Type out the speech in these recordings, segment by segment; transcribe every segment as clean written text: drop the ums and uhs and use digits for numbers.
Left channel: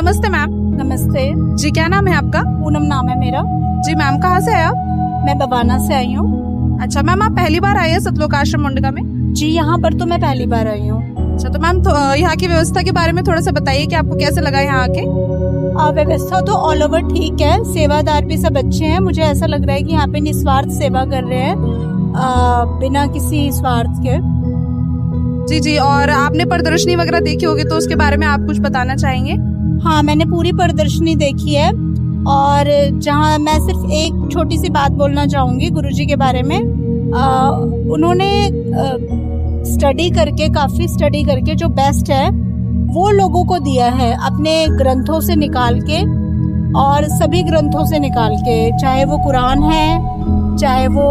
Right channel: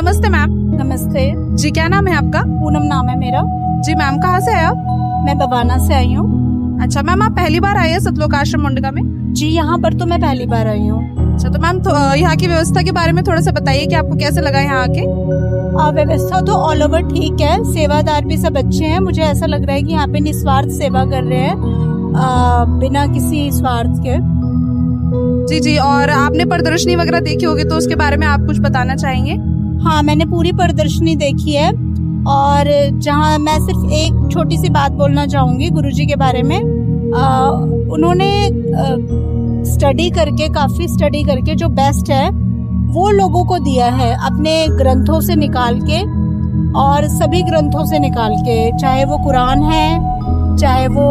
नमस्ते मैम। नमस्ते जी, क्या नाम है आपका? पूनम नाम है मेरा। जी मैम, कहाँ से है आप? मैं बवाना से आई हूँ। अच्छा मैम, आप पहली बार आई है सतलोक आश्रम मुंडका में? जी, यहाँ पर तो मैं पहली बार आई हूँ। अच्छा, तो मैम यहाँ की व्यवस्था के बारे में थोड़ा सा बताइए कि आपको कैसे लगा यहाँ आके? व्यवस्था तो ऑल ओवर ठीक है, सेवादार भी सब अच्छे हैं। मुझे ऐसा लग रहा है कि यहाँ पे निस्वार्थ सेवा कर रहे हैं, बिना किसी स्वार्थ के। जी जी, और आपने प्रदर्शनी वगैरह देखी होगी तो उसके बारे में आप कुछ बताना चाहेंगे? हाँ, मैंने पूरी प्रदर्शनी देखी है और जहाँ मैं सिर्फ एक छोटी सी बात बोलना चाहूंगी गुरुजी के बारे में। उन्होंने काफी स्टडी करके जो बेस्ट है वो लोगों को दिया है, अपने ग्रंथों से निकाल के, और सभी ग्रंथों से निकाल के, चाहे वो कुरान है, चाहे वो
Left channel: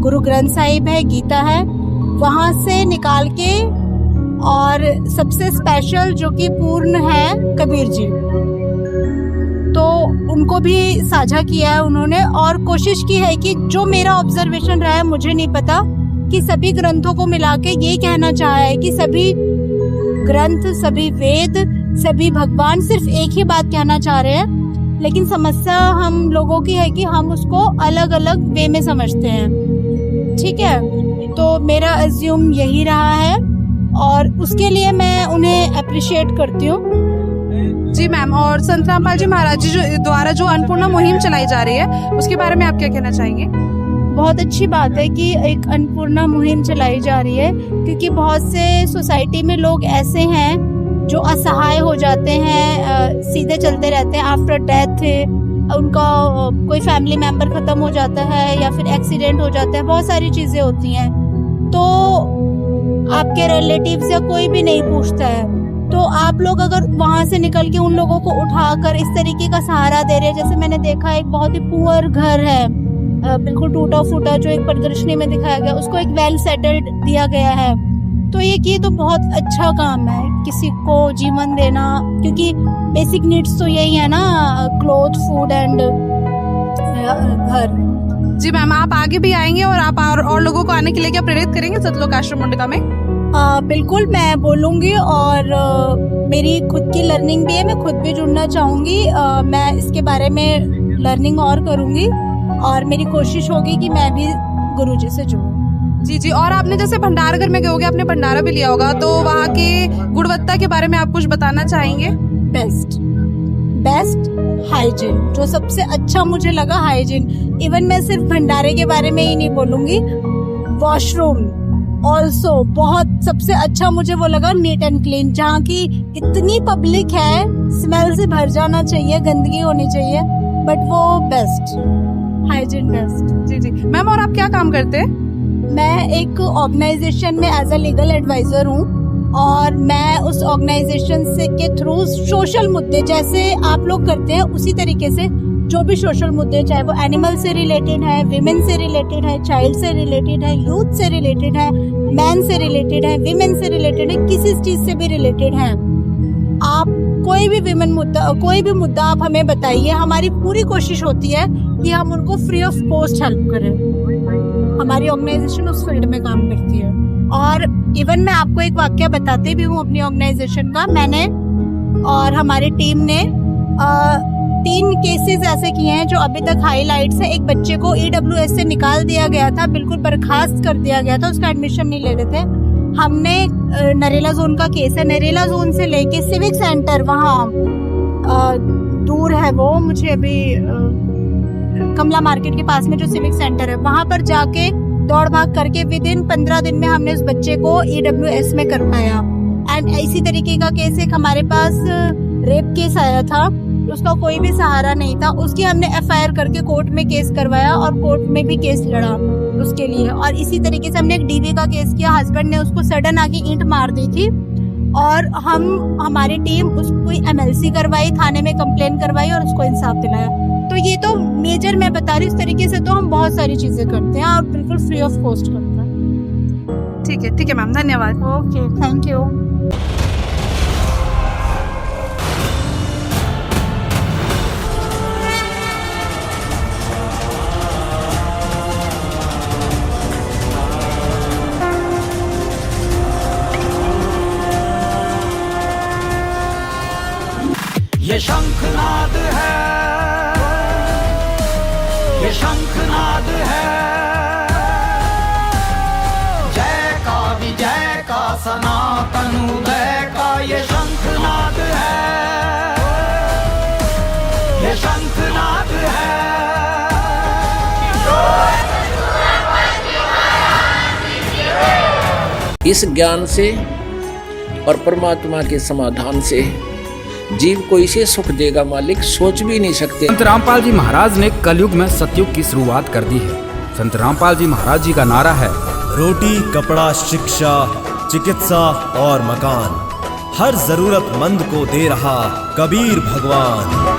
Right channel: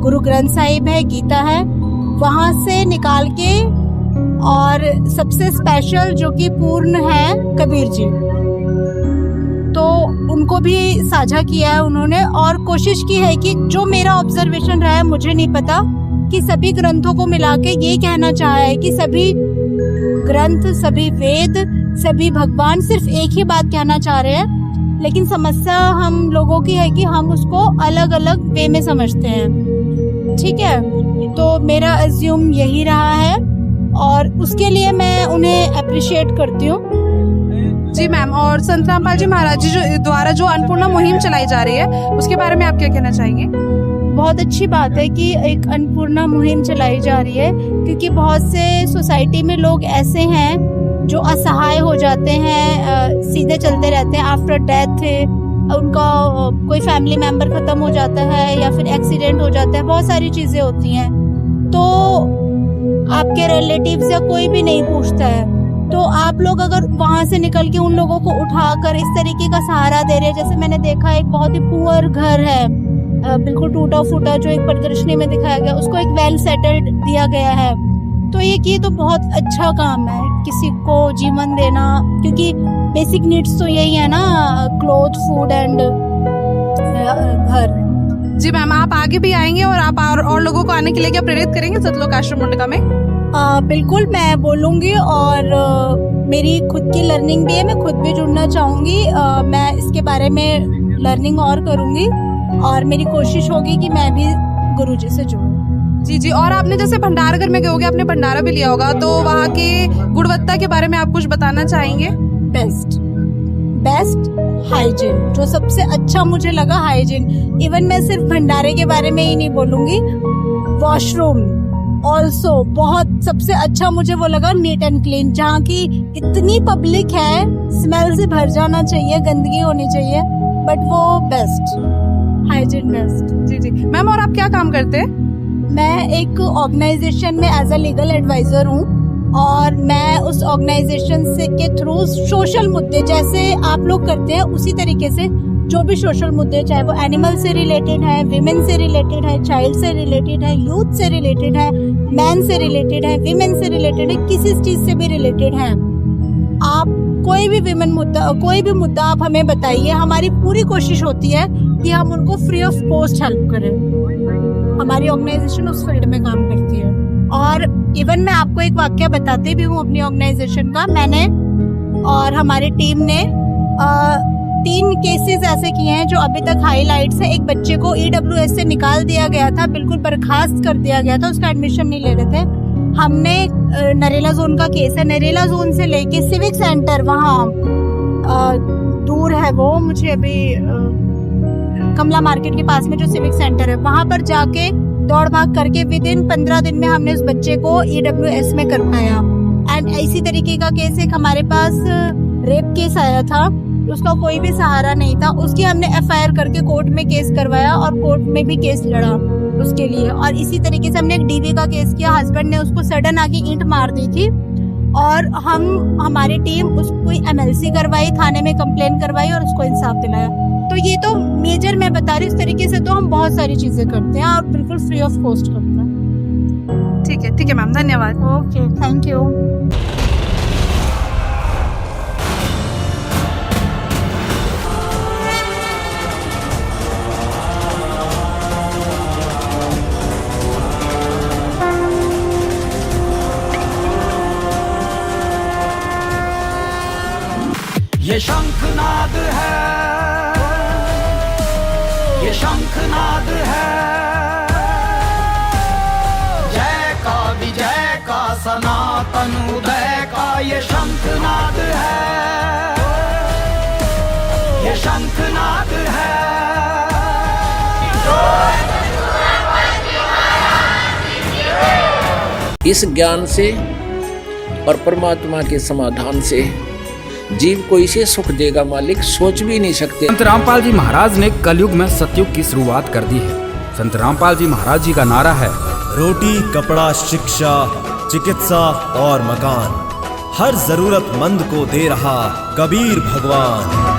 गुरु ग्रंथ साहिब है, गीता है, वहां से निकाल के, और सबसे स्पेशल जो कि पूर्ण है कबीर जी, तो उनको भी साझा किया है उन्होंने। और कोशिश की है कि जो मेरा ऑब्जर्वेशन रहा है, मुझे नहीं पता, कि सभी ग्रंथों को मिला के ये कहना चाहा है कि सभी ग्रंथ, सभी वेद, सभी भगवान सिर्फ एक ही बात कहना चाह रहे हैं, लेकिन समस्या हम लोगों की है कि हम उसको अलग अलग वे में समझते हैं। ठीक है, तो मेरा अज्यूम यही रहा है और उसके लिए मैं उन्हें अप्रिशिएट करती हूँ। जी मैम, और संत रामपाल जी महाराज जी द्वारा जो अन्नपूर्णा मुहिम चलाई जा रही है उसके बारे में आप क्या कहना चाहेंगे? बहुत अच्छी बात है कि एक अन्नपूर्णा मुहिम चलाई जा रही है, क्योंकि बहुत से सोसाइटी में लोग ऐसे हैं जो असहाय हो जाते हैं, सीधे चलते रहते हैं। आफ्टर डेथ उनका कोई फैमिली मेंबर खत्म हो जाता है या फिर एक्सीडेंट हो जाता है, बहुत सारी चीजें होती हैं, तो आपके रिलेटिव्स या कोई भी नहीं पूछता है। तो आप लोग अगर वहां से निकल के उन लोगों को उठाकर इस तरीके का सहारा दे रहे हैं, जैसे मैंने देखा एक बहुत ही पुअर घर है, बिल्कुल टूटा फूटा, जो एक प्रदर्शनी में दिखाया गया, उसको एक वेल सेटल्ड दिया गया है। तो ये तो बहुत अच्छा काम है, किसी को जीवन देना, क्योंकि बेसिक नीड्स तो यही है ना, क्लोथ, फूड एंड घर। जी मैम, आप आगे भी आएंगे और आप और लोगों को आने के लिए क्या प्रेरित करेंगे सतलोक आश्रम मुंडका में? बिल्कुल, मैं बोलूंगी, और मेरी खुद की लर्निंग भी है, मैं खुद भी जुड़ना चाहूंगी। मैं इसके बारे में लर्निंग और करूंगी और मेरी कोशिश होगी कि मैं भी गुरुजी से जुड़ूं। जी जी, और आपने जैसे भंडार घर में गए होगे, आपने भंडारा भी लिया होगा, तो वहाँ की गुणवत्ता के बारे में आप कुछ बताना चाहेंगे? बेस्ट हाइजीन, जो सबसे अच्छा मुझे लगा, हाइजीन। इवन मैं सिर्फ भंडारे के बारे में ही नहीं बोलूंगी, वॉशरूम ऑल्सो बहुत सबसे अच्छा मुझे वो लगा, नीट एंड क्लीन। जहाँ की इतनी पब्लिक है, स्मेल से भर जाना चाहिए, गंदगी होनी चाहिए, बट वो बेस्ट, हाइजीन बेस्ट। जी जी मैम, और आप क्या काम करते हैं? मैं एक ऑर्गेनाइजेशन में एज अ लीगल एडवाइजर हूँ, और मैं उस ऑर्गेनाइजेशन से के थ्रू सोशल मुद्दे जैसे आप लोग करते हैं उसी तरीके से जो भी सोशल मुद्दे, चाहे वो एनिमल से रिलेटेड है, विमेन से रिलेटेड है, चाइल्ड से रिलेटेड है, यूथ से रिलेटेड है, मैन से रिलेटेड है, विमेन से रिलेटेड है, किसी चीज से भी रिलेटेड है, आप कोई भी विमेन मुद्दा, कोई भी मुद्दा आप हमें बताइए। हमारी पूरी कोशिश होती है कि हम उनको फ्री ऑफ कॉस्ट हेल्प करें। हमारी ऑर्गेनाइजेशन उस फील्ड में काम करती है। और इवन मैं आपको एक वाक्य बताते भी हूँ अपनी ऑर्गेनाइजेशन का। मैंने और हमारी टीम ने 3 केसेस ऐसे किए हैं जो अभी तक हाईलाइट्स है। एक बच्चे को EWS से निकाल दिया गया था, बिल्कुल बर्खास्त कर दिया गया था, उसका एडमिशन नहीं ले रहे थे। हमने नरेला जोन का केस है, नरेला जोन से लेके सिविक सेंटर, वहाँ दूर है वो, मुझे अभी कमला मार्केट के पास में जो सिविक सेंटर है, वहां पर जाके दौड़ भाग करके विद इन 15 दिन में हमने उस बच्चे को EWS में करवाया। एंड इसी तरीके का केस एक हमारे पास रेप केस आया था, उसका कोई भी सहारा नहीं था, उसकी हमने FIR करके कोर्ट में केस करवाया और कोर्ट में भी केस लड़ा उसके लिए। और इसी तरीके से हमने एक DV का केस किया, हस्बैंड ने उसको सडन आगे ईंट मार दी थी और हमारी टीम उसको MLC करवाई, थाने में कंप्लेन करवाई और उसको इंसाफ दिलाया। तो ये तो मेजर मैं बता रही हूँ, इस तरीके से तो हम बहुत सारी चीजें करते हैं और बिल्कुल फ्री ऑफ कॉस्ट करते हैं। ठीक है मैम, धन्यवाद। Okay, thank you. ये शंखनाद है, ये शंखनाद है, जय का विजय का सनातन उदय का ये शंखनाद है, ये शंखनाद है। इस ज्ञान से और परमात्मा के समाधान से जीव को इसे सुख देगा मालिक सोच भी नहीं सकते। संत रामपाल जी महाराज ने कलयुग में सतयुग की शुरुआत कर दी है। संत रामपाल जी महाराज जी का नारा है, रोटी, कपड़ा, शिक्षा, चिकित्सा और मकान हर जरूरतमंद को दे रहा कबीर भगवान।